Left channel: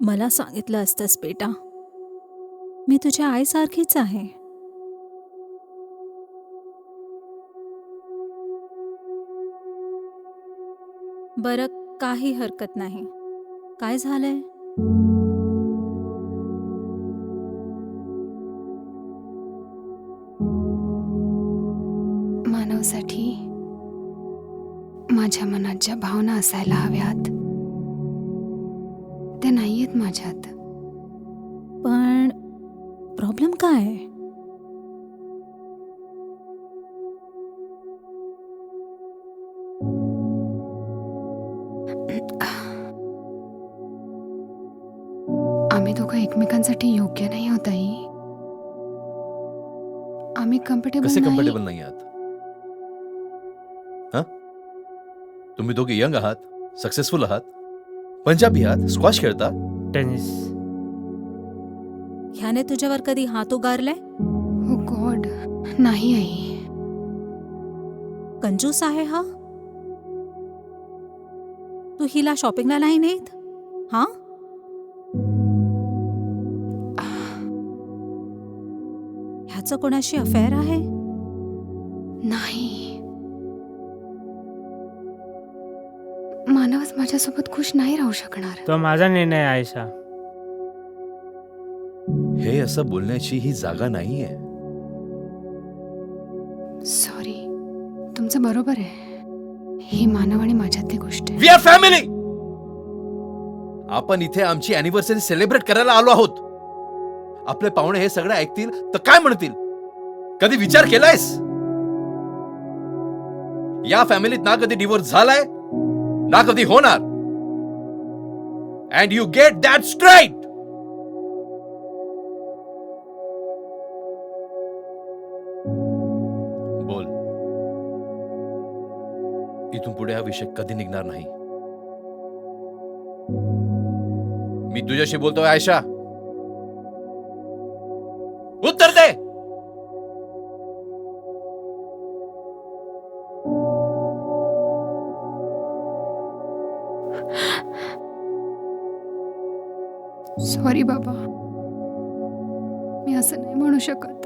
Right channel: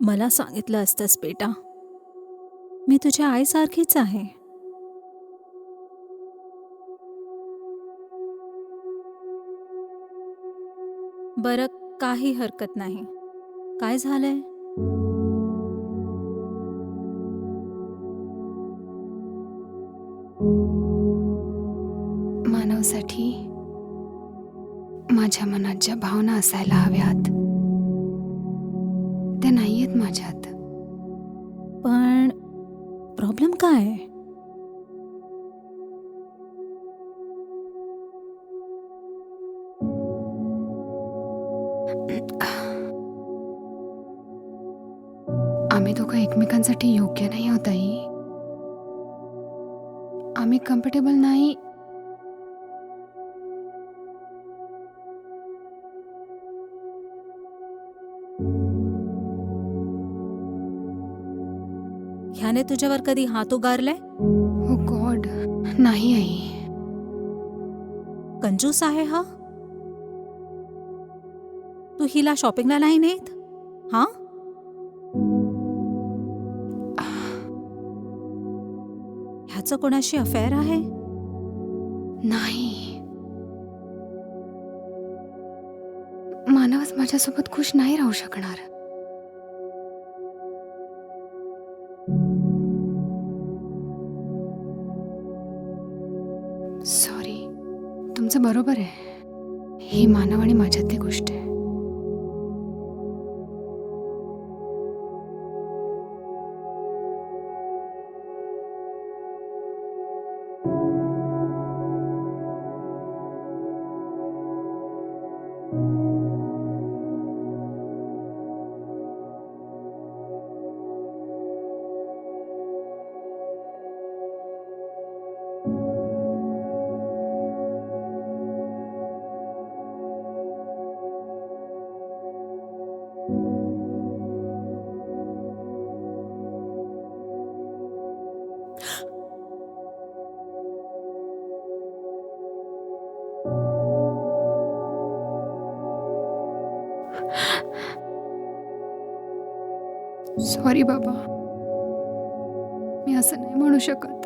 मला सांगितलं असतंस बेटा. मी तुझ्या आईसारखीच आहे. बरं, काही हरकत नाही. काय झालंय? मानवसाठी माझ्या मनात ज्या भावना असायला हव्यात त्या नाहीयेत माझ्यात. पण प्रॉब्लेम काय आहे? आम्ही दोघं एकमेकांसाठी योग्य नाही आहोत आई. आम्ही कम्फर्टेबल कसे नाही. कम्फर्टेबल नाही आहात? हा? तुम्ही दोघे यंग आहात, सक्सेसफुल आहात, पंजाबी आहात, स्क्वॉश खेळता. टेनिस. ह्याने तुझ्यावर कधी हात उगारलाय? हो गॉड, नाही आई. कंजूस आहे हा. तू हिला शॉपिंगला नाही नेत? हा? ह्याचं कोणाशी अफेअर आहे? नाही. मानवच माझ्यासोबत खुश नाही राहू शकणार. तो माझा निर्णय आहे आयशा. हे असं बोलण्याची ही जागा नाहीये. सॉरी, तुमचं बरोबर आहे. ही मानव आणि माझ्यातली गोष्ट आहे. We are family. आपण इथे आमची अॅनिव्हर्सरी सेलिब्रेट करायला आलो आहोत. आपले पाहुणे हे सगळं ऐकतील तर काय म्हणतील? कधी विचार केलायस? या फॅमिलीत ना कधी डिवोर्स झालाय ना कधी होणार. And you get that straight. बोल. इथून पुढे हा विषय कधी निघणार नाही. मी तुझ्याशी बोलतोय आयशा. उत्तर दे. सॉरी बाबा, मी असं नाही म्हणू शकत.